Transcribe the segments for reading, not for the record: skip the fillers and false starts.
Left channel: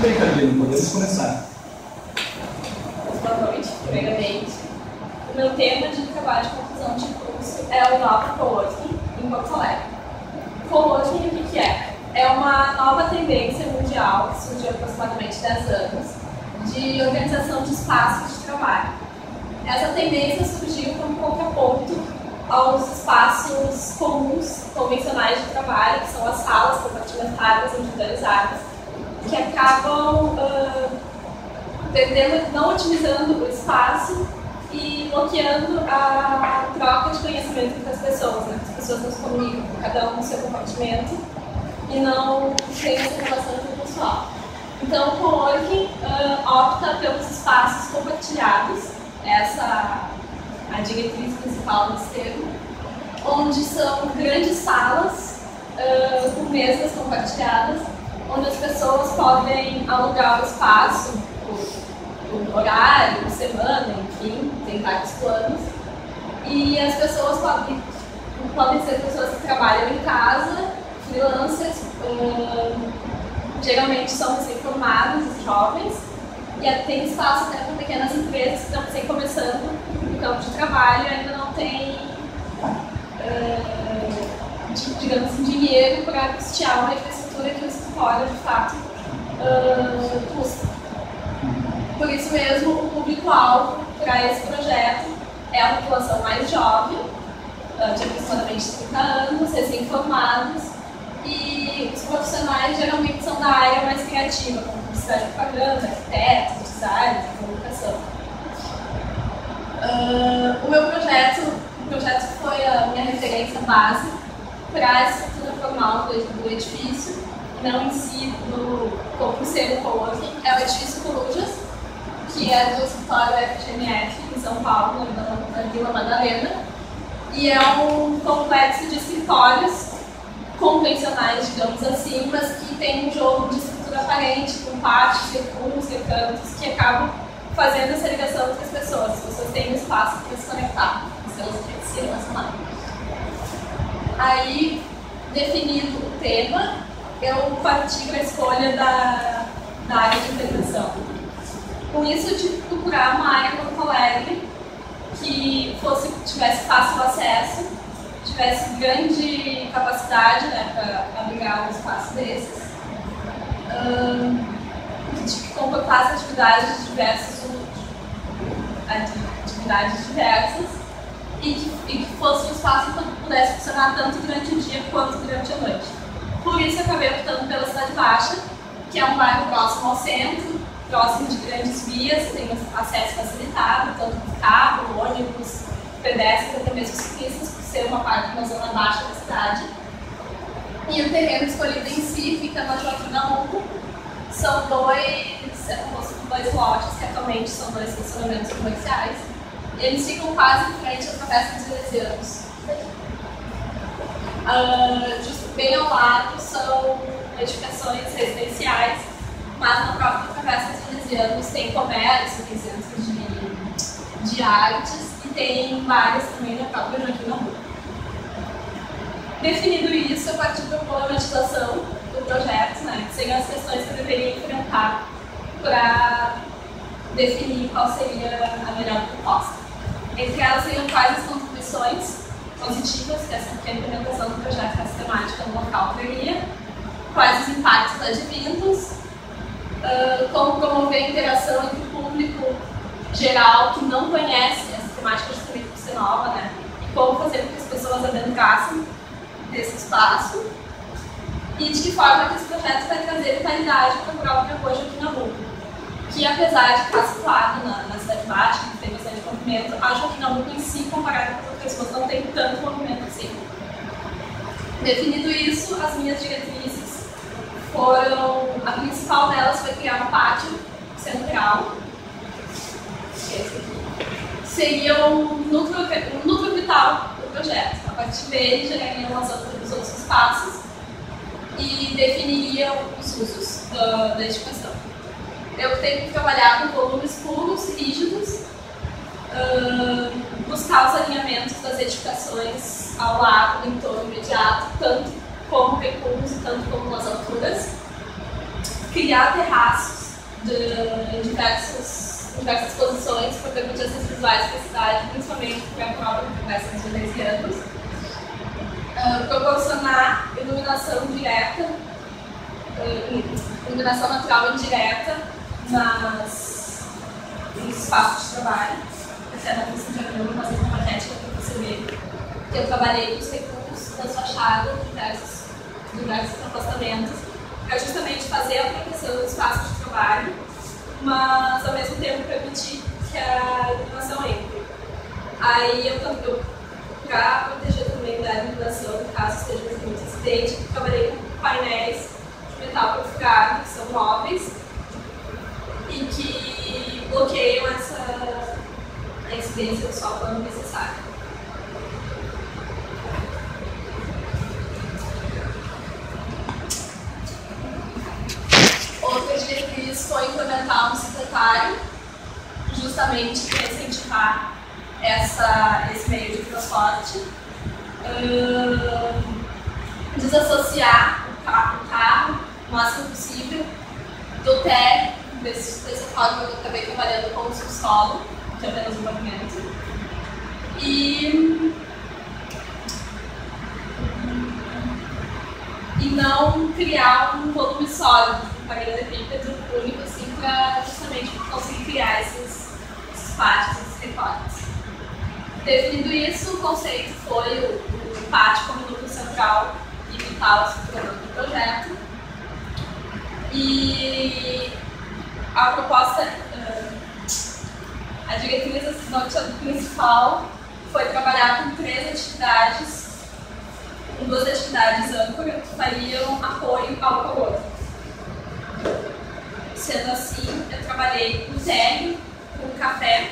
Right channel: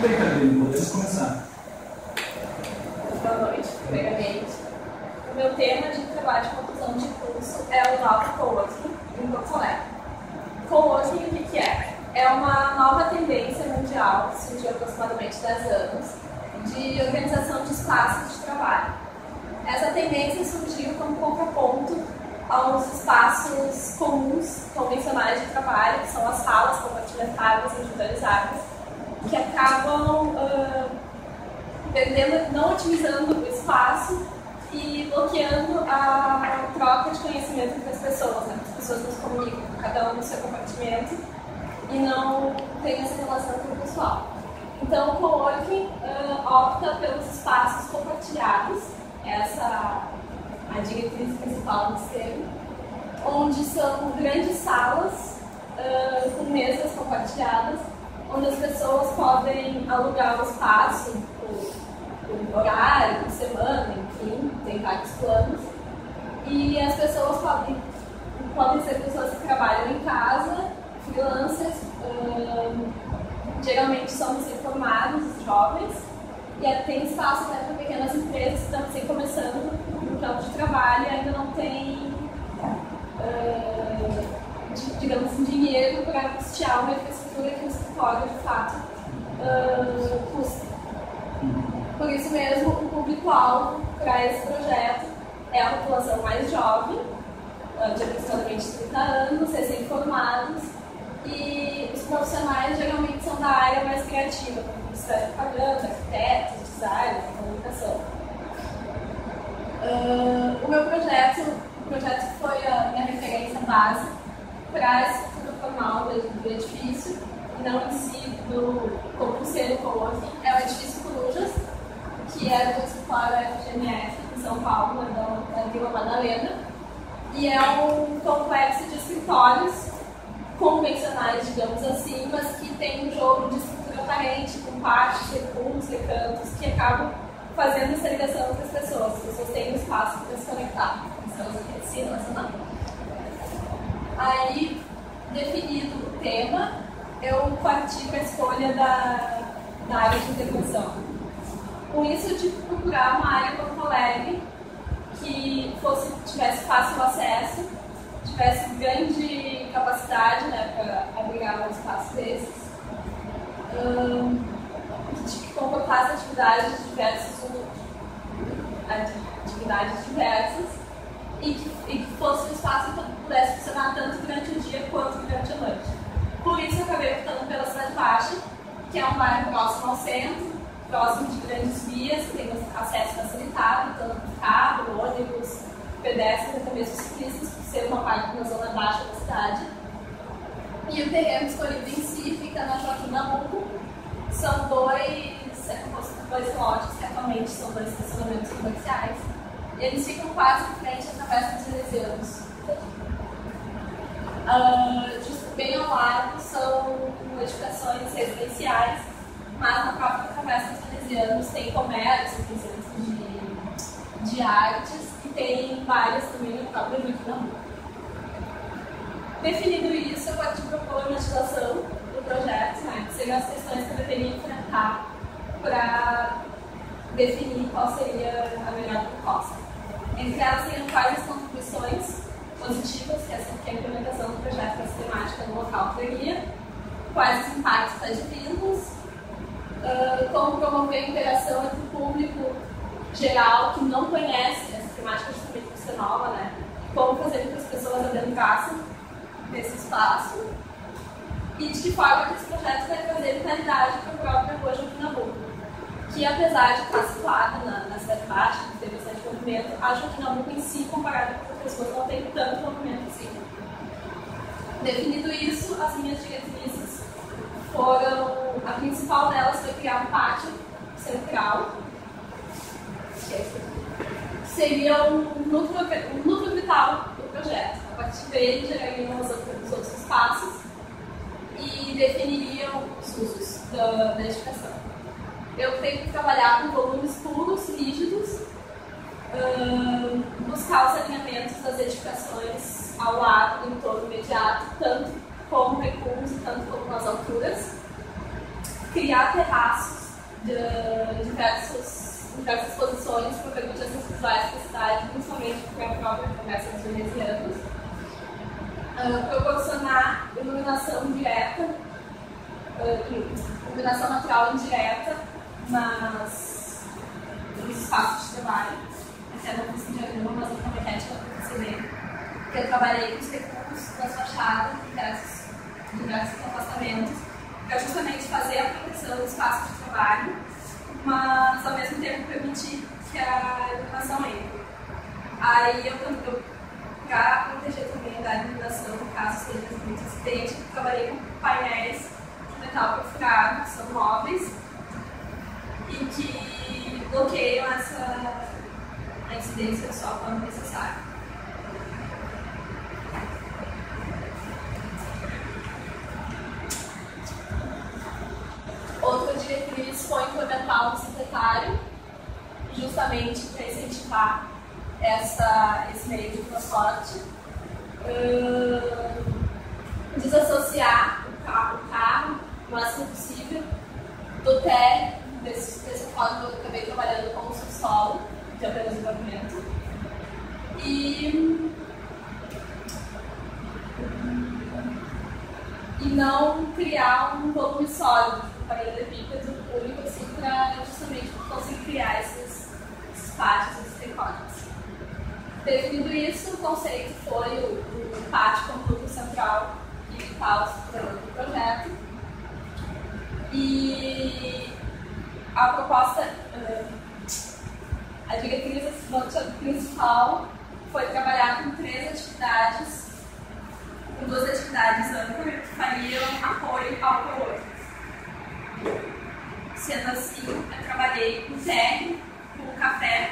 Bem, Carolina, podemos começar. Boa noite, primeiramente. O meu tema de trabalho de conclusão de curso é o Nova Coworking em Porto Alegre. Coworking, o que é? É uma nova tendência mundial, que surgiu há aproximadamente 10 anos, de organização de espaços de trabalho. Essa tendência surgiu como contraponto aos espaços comuns, convencionais de trabalho, que são as salas compartimentadas, individualizadas, que acabam não otimizando o espaço e bloqueando a troca de conhecimento entre as pessoas, né? As pessoas não se comunicam, cada um no seu compartimento, e não tem essa relação interpessoal. Então, o coworking opta pelos espaços compartilhados, essa é a diretriz principal desse termo, onde são grandes salas com mesas compartilhadas, onde as pessoas podem alugar o espaço por horário, por semana, enfim, tem vários planos. E as pessoas podem ser pessoas que trabalham em casa, freelancers, geralmente são recém-formados, jovens, e tem espaço até para pequenas empresas que estão começando no campo de trabalho e ainda não tem, digamos assim, dinheiro para custear uma infraestrutura que o escritório, de fato, custa. Por isso mesmo, o público-alvo para esse projeto é a população mais jovem, de aproximadamente 30 anos, recém-formados, e os profissionais geralmente são da área mais criativa, como publicidade e propaganda, arquitetos, designers, comunicação. O meu projeto foi a minha referência base para a estrutura formal do edifício, e não em si como ser o coworking. É o edifício Corujas, que é do escritório FGMF em São Paulo, na Vila Madalena, e é um complexo de escritórios convencionais, digamos assim, mas que tem um jogo de estrutura aparente, com pátios, recuos, recantos, que acabam fazendo essa ligação entre as pessoas têm um espaço para se conectar, se relacionar. Aí, definido o tema, eu parti para a escolha da área de integração. Com isso, eu tive que procurar uma área em Porto Alegre que tivesse fácil acesso, tivesse grande capacidade, né, para abrigar um espaço desses, que comportasse atividades diversas e que fosse um espaço que pudesse funcionar tanto durante o dia quanto durante a noite. Por isso, eu acabei optando pela Cidade Baixa, que é um bairro próximo ao centro, próximo de grandes vias, tem acesso facilitado, tanto por carro, ônibus, pedestres, até mesmo ciclistas, por ser uma parte na zona baixa da cidade. E o terreno escolhido em si fica na Joaquim Nabuco. São dois lotes, que atualmente são 2 estacionamentos comerciais. Eles ficam quase em frente à Travessa dos Venecianos. Bem ao lado são edificações residenciais, mas na própria Travessa dos Venecianos tem comércio, tem centros de artes e tem várias também na própria Joaquim Nabuco. Definido isso, eu parti para a problematização do projeto, né, que seriam as questões que eu deveria enfrentar para definir qual seria a melhor proposta. Entre elas seriam quais as contribuições positivas que a implementação do projeto da sistemática no local teria, quais os impactos advindos, como promover a interação entre o público geral que não conhece essa temática justamente por ser nova, né? E como fazer com que as pessoas adentrassem desse espaço e de que forma que esse projeto vai trazer vitalidade para a própria Rua Joaquim Nabuco, que apesar de estar situada na Cidade Baixa, que tem bastante movimento, a Joaquim Nabuco em si, comparado com outras ruas, não tem tanto movimento assim. Definido isso, as minhas diretrizes foram, a principal delas foi criar um pátio central, que é esse aqui, seria um núcleo vital do projeto. A partir dele gerariam os outros espaços e definiriam os usos da edificação. Eu tenho que trabalhar com volumes puros, rígidos, buscar os alinhamentos das edificações ao lado, no entorno imediato, tanto como recuos e tanto como nas alturas. criar terraços em diversas posições para permitir acessos visuais para a cidade, principalmente para a prova de conversa dos venezianos. Proporcionar iluminação direta, iluminação natural indireta nos espaços de trabalho. Até não fiz um diagrama, mas uma maquete para perceber que eu trabalhei com os recursos das fachadas de diversos afastamentos para justamente fazer a proteção dos espaços de trabalho, mas ao mesmo tempo permitir que a iluminação entre. Aí para proteger também da iluminação, caso esteja muito incidente, trabalhei com painéis de metal perfurado, que são móveis e que bloqueiam a incidência do sol quando necessário. Outra diretriz foi implementar um bicicletário, justamente para incentivar esse meio de transporte. Desassociar o carro o máximo possível do térreo, dessa forma eu acabei trabalhando com o subsolo, de apenas um pavimento. E não criar um volume sólido de paralelepípedo único, assim, para justamente conseguir criar esses pátios, esses recortes. Definido isso, o conceito foi o pátio como núcleo central e vital estruturador do projeto. E a proposta, a diretriz norteadora principal foi trabalhar com duas atividades âncora que fariam apoio ao co-work. Sendo assim, eu trabalhei com térreo, com café,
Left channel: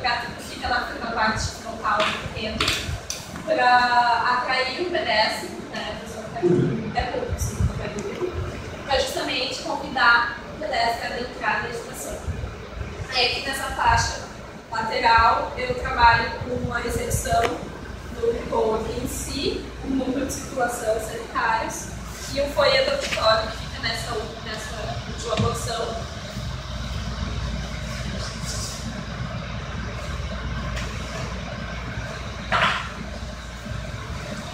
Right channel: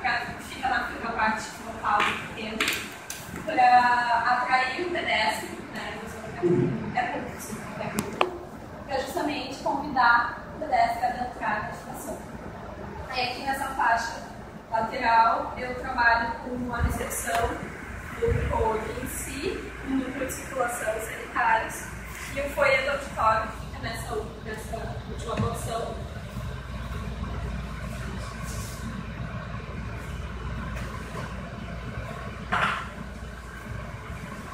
que fica na parte frontal do terreno, para atrair o pedestre, né? Para justamente convidar o pedestre a adentrar na estação. Aí aqui nessa faixa lateral eu trabalho com a recepção do co-work em si, o núcleo de circulação sanitários e o foyer do auditório que fica nessa última porção.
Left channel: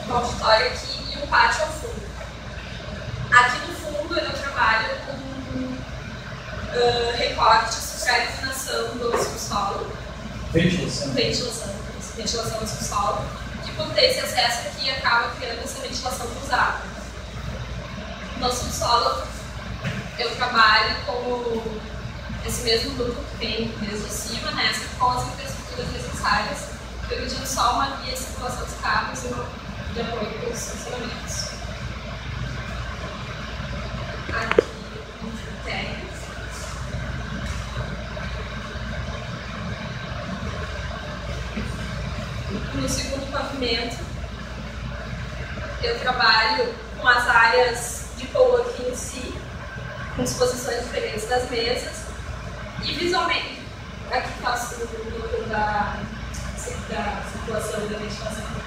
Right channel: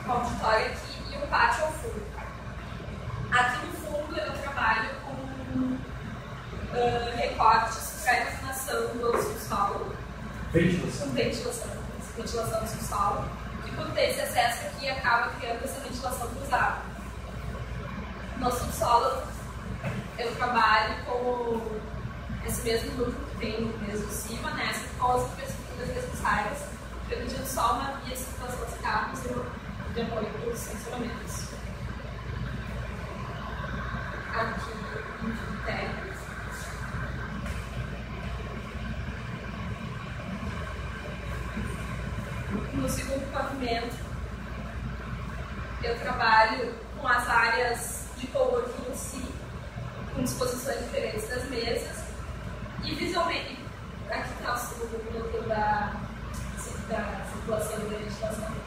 O auditório aqui e o pátio ao fundo. Aqui no fundo eu trabalho com recortes para a iluminação do subsolo. Ventilação do subsolo. Que por ter esse acesso aqui acaba criando essa ventilação cruzada. No subsolo eu trabalho com esse mesmo núcleo que tem desde cima, né, com as infraestruturas necessárias, permitindo só uma via de circulação dos carros e uma de apoio para os estacionamentos. Aqui no térreo. No segundo pavimento, eu trabalho com as áreas de coworking em si, com disposições diferentes das mesas e visualmente, aqui faço o núcleo da circulação e da ventilação.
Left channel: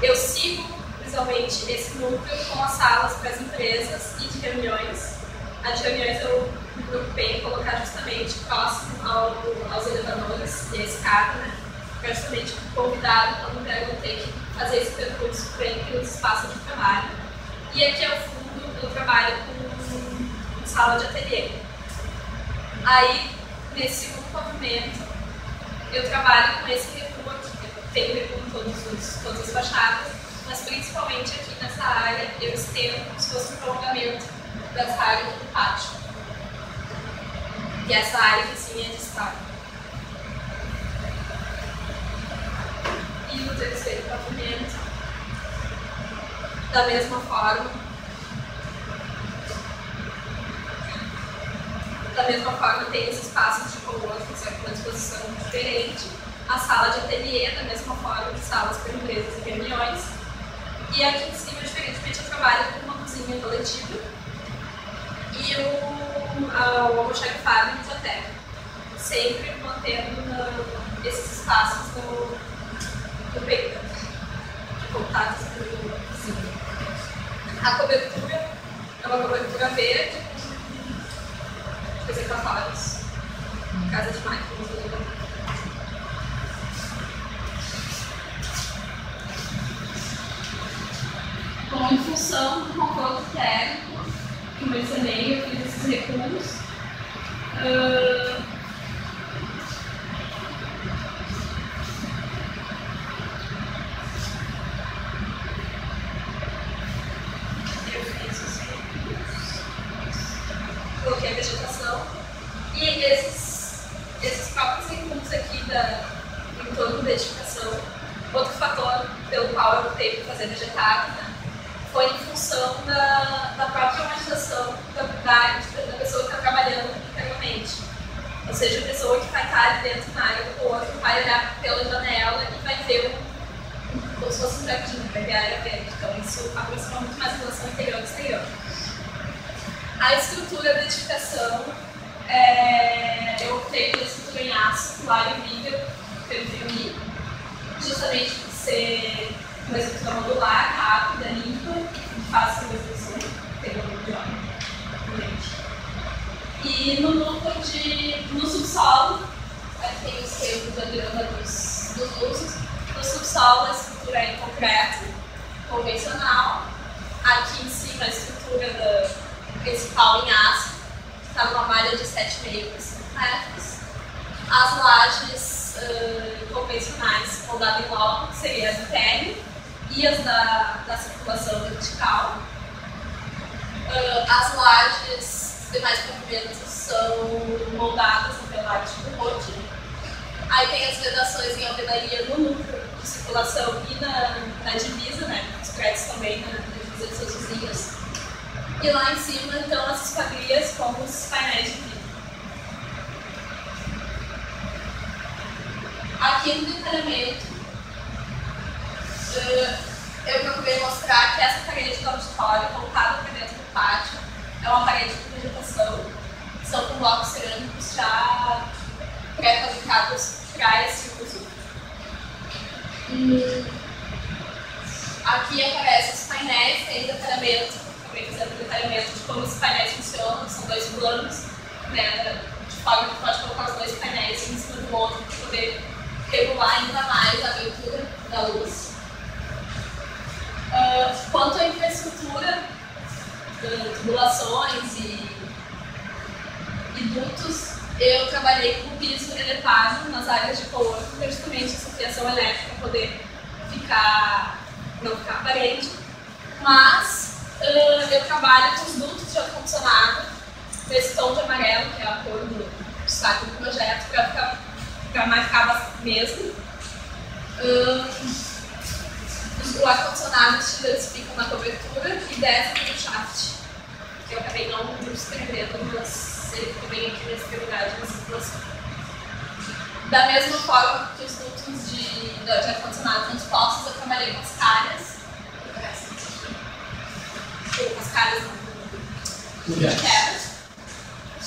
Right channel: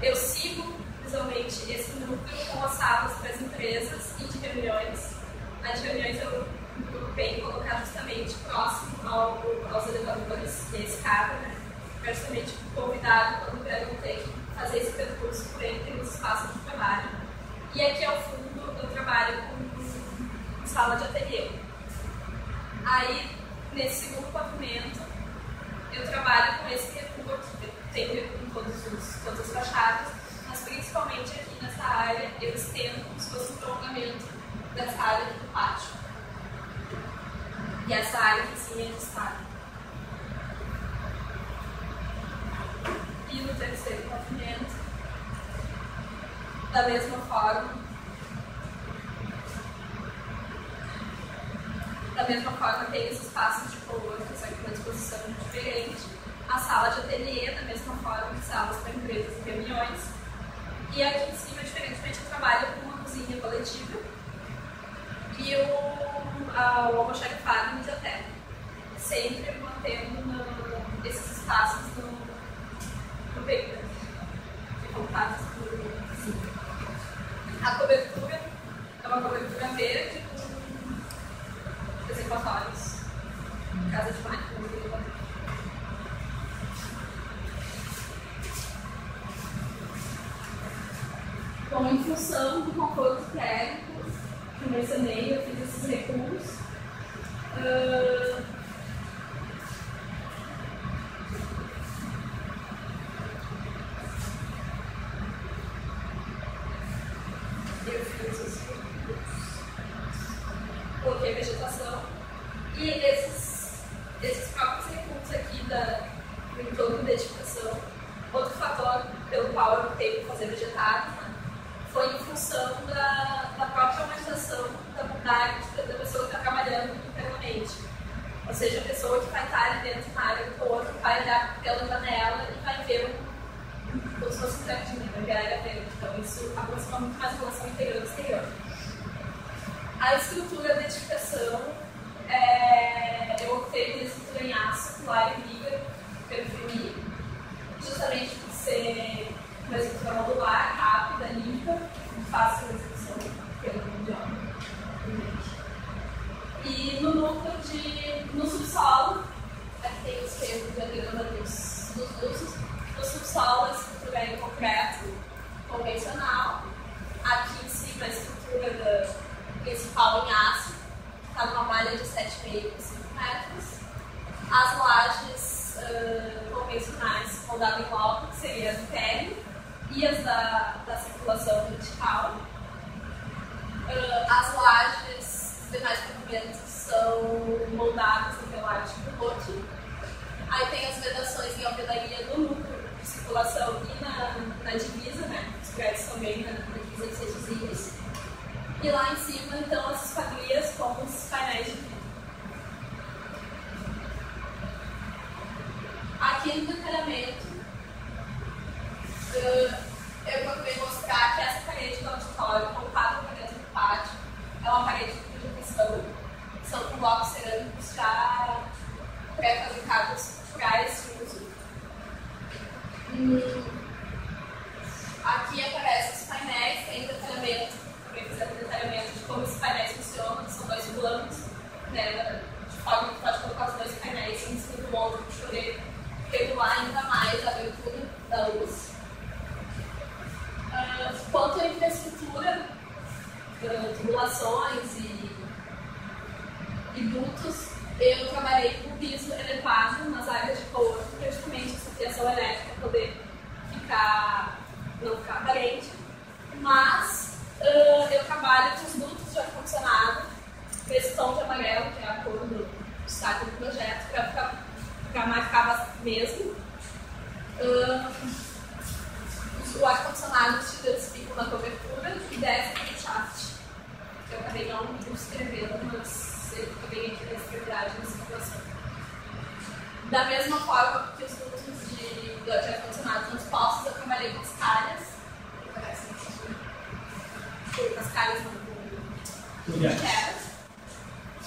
Eu sigo visualmente esse núcleo com as salas para as empresas e de reuniões. A de reuniões eu me preocupei em colocar justamente próximo aos elevadores e a escada, né? Para justamente convidado quando eu ter que fazer esse percurso por entre os espaços de trabalho. E aqui ao fundo eu trabalho com sala de ateliê. Aí, nesse segundo pavimento, eu trabalho com esse recuo aqui. Tenho recuo em todas as fachadas, mas principalmente aqui nessa área eu estendo como se fosse um prolongamento dessa área do pátio. E essa área que sim é de destaque. E no terceiro pavimento, da mesma forma, tem os espaços de coworking, só que uma disposição diferente. A sala de ateliê, da mesma forma que salas para empresas e reuniões. E aqui em cima, diferentemente, eu trabalho com uma cozinha coletiva e o almoxarifado e biblioteca. Sempre mantendo esses espaços no peito, de contatos com a cozinha. A cobertura em função do conforto térmico que eu mencionei, eu fiz esses recuos. Eu fiz os recuos, coloquei a vegetação e esses próprios recuos aqui em torno da edificação. Outro fator pelo qual eu optei por fazer vegetado, né, foi em função da própria humanização da pessoa que está trabalhando internamente. Ou seja, a pessoa que vai estar ali dentro na área do corpo vai olhar pela janela e vai ver como se fosse um jardim, vai ver a área verde. Então isso aproxima muito mais a relação interior e exterior. A estrutura da edificação, eu optei pela estrutura em aço, pilar e viga, pelo filme, justamente por ser uma estrutura modular, rápida, limpa, de fácil execução, pelo de obra. E no núcleo no subsolo, aqui tem o esquema de diagrama dos usos. No subsolo, a estrutura é em concreto, convencional. Aqui em cima, a estrutura principal em aço, está numa malha de 7,5 por 5 metros. As lajes convencionais moldadas em loco, que seria as internas, e as da circulação vertical. As lajes demais pavimentos são moldadas em pelagem de rote. Aí tem as vedações em alvenaria no núcleo de circulação e na divisa, né? Os prédios também na divisa de seus vizinhos. E lá em cima, então, as esquadrias com os painéis de vidro. Aqui no detalhamento, eu procurei mostrar que essa parede do auditório, voltada para dentro do pátio, é uma parede de vegetação, que são com blocos cerâmicos já pré-fabricados para esse uso. Aqui aparecem os painéis, tem detalhamento, também fizemos detalhamento de como os painéis funcionam, são dois planos, né, de forma que pode colocar os dois painéis um em cima do outro para poder regular ainda mais a abertura da luz. Quanto à infraestrutura, tubulações e dutos, eu trabalhei com piso elevado nas áreas de coworking, para justamente essa fiação elétrica poder não ficar aparente, mas eu trabalho com os dutos de ar-condicionado, esse tom de amarelo, que é a cor do destaque do projeto, para marcar mesmo. O ar-condicionado, os chillers ficam na cobertura e desce para o shaft, que eu acabei não escrevendo, mas ele fica bem aqui na extremidade da circulação. Da mesma forma que os dutos de ar-condicionado transpostos, eu trabalhei com as calhas. Com as calhas de terra,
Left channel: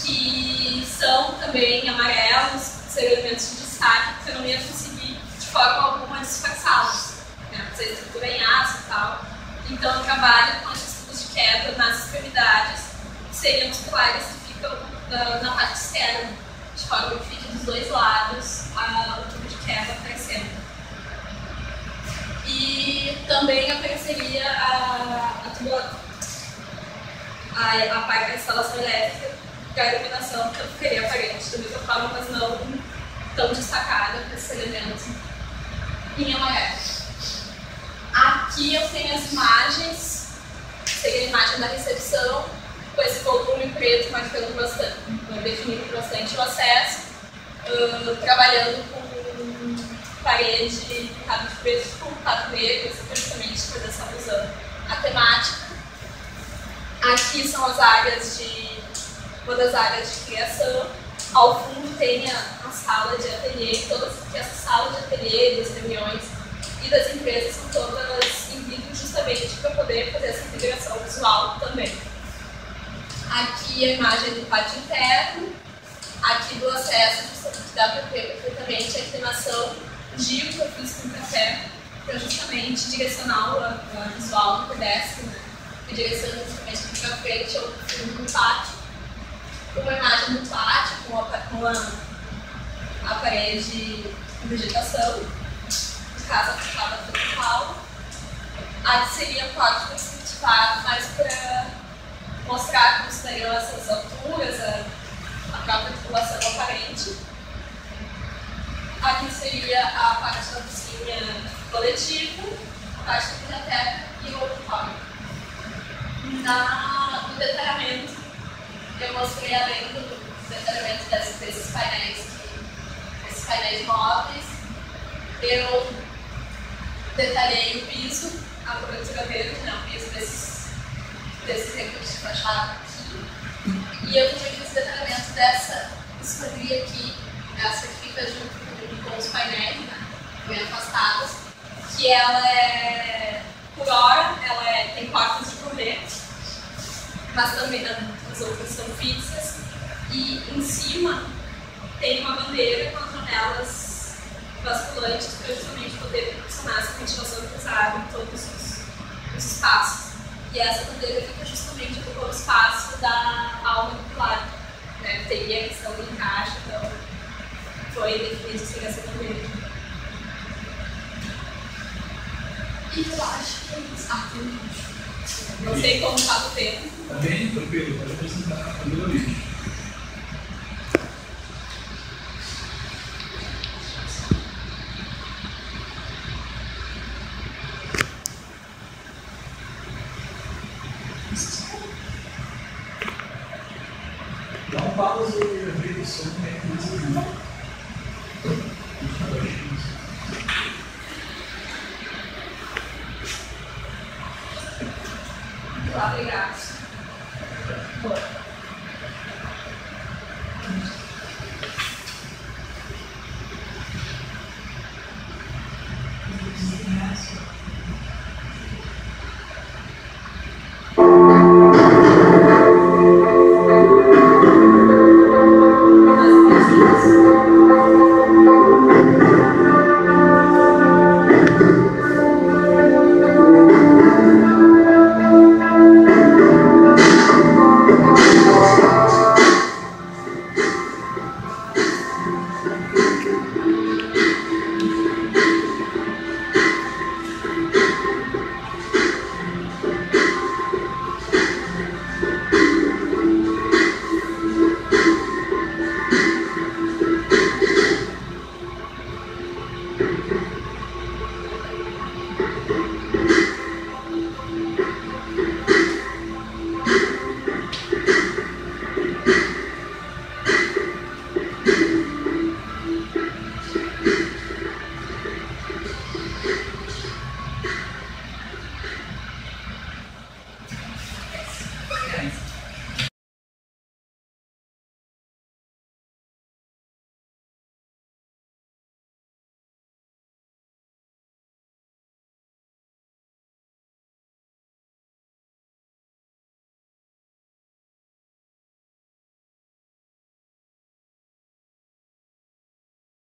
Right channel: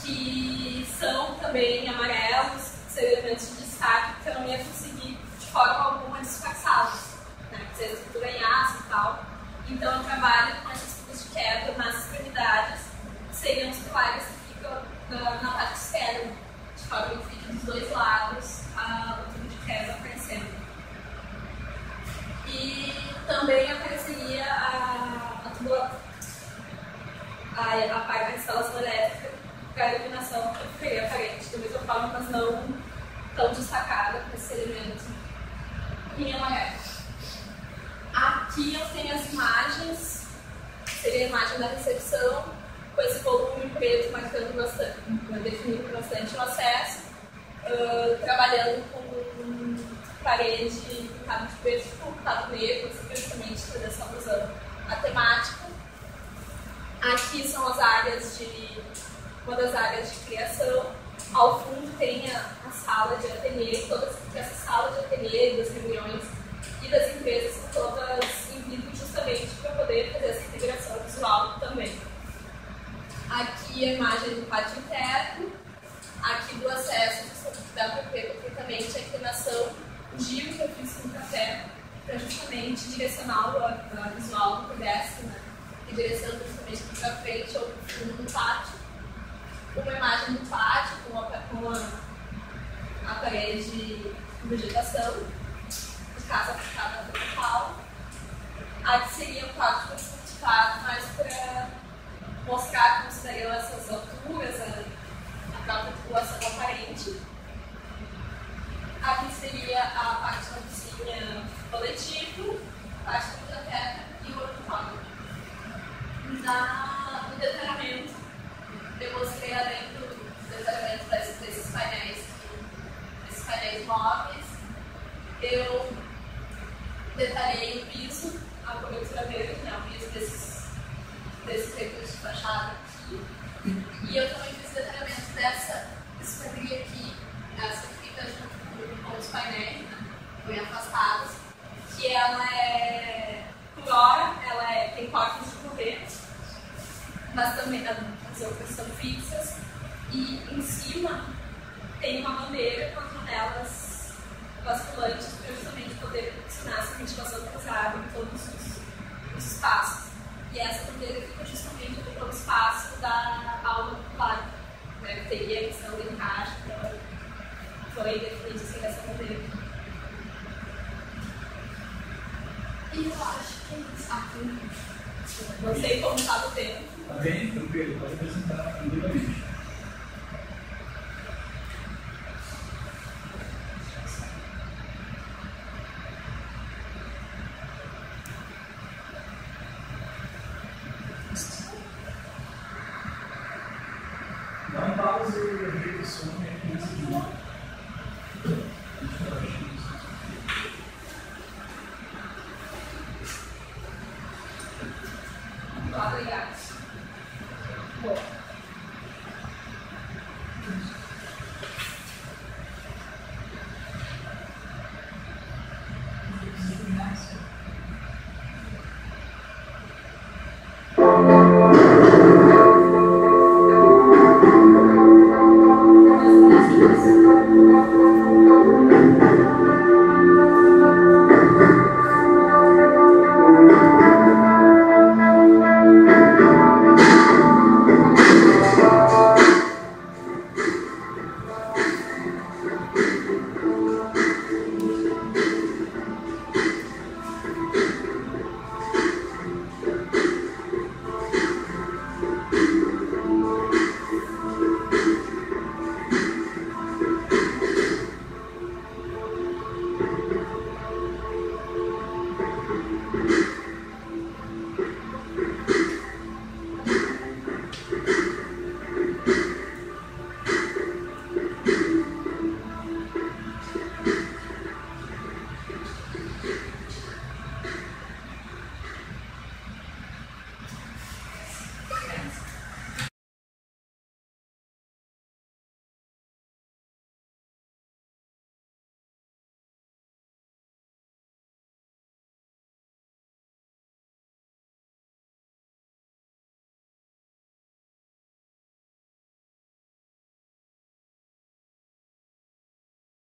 que são também amarelos, ser elementos de destaque, porque eu não ia conseguir de forma alguma disfarçá-los, né? Porque a estrutura é em aço e tal. Então eu trabalho com esses tubos de queda nas extremidades, que seriam os pilares que ficam na parte externa, de forma que fique dos dois lados o tubo de queda aparecendo. E também apareceria a instalação elétrica, que a iluminação ficaria aparente da mesma forma, mas não tão destacada para esse elemento em amarelo. Aqui eu tenho as imagens, seria a imagem da recepção, com esse volume preto marcando bastante, definindo bastante o acesso, trabalhando com parede pintada de preto com pintada negro, justamente por essa alusão à temática. Aqui são as áreas uma das áreas de criação. Ao fundo tem a sala de ateliê, que essa sala de ateliê das reuniões e das empresas são todas em vidro justamente para poder fazer essa integração visual também. Aqui a imagem do pátio interno, aqui do acesso, que dá para ver perfeitamente a inclinação giro que eu fiz com o café, para justamente direcionar o visual do pedestre, né? Direcionando justamente aqui para frente ou para o fundo do pátio. Uma imagem do pátio com a parede de vegetação, no caso a fachada principal. Aqui seria o quarto cultivado, mais para mostrar como seriam essas alturas, a própria titulação aparente. Aqui seria a parte da cozinha coletiva, a parte da biblioteca e o auditório. No detalhamento, eu mostrei além do detalhamento desses painéis móveis, eu detalhei o piso, a cobertura verde, né, o piso desses recursos de fachada aqui. E eu também fiz detalhamento dessa esquadria aqui, essa que fica junto com os painéis, né, bem afastados, que ela é, por hora, tem portas de correr, mas também as outras são fixas, e em cima tem uma bandeira com as janelas basculantes para justamente poder proporcionar essa ventilação cruzada em todos os espaços. E essa bandeira fica justamente ocupando o espaço da alma popular, né? Teria a questão do encaixe, então foi definido assim essa bandeira. E eu acho que é isso. Tem lixo. Não sei como está o tempo. Está bem, tranquilo, pode apresentar tranquilamente. Dá um pausa e ajeita o som, né? Obrigado. Obrigado.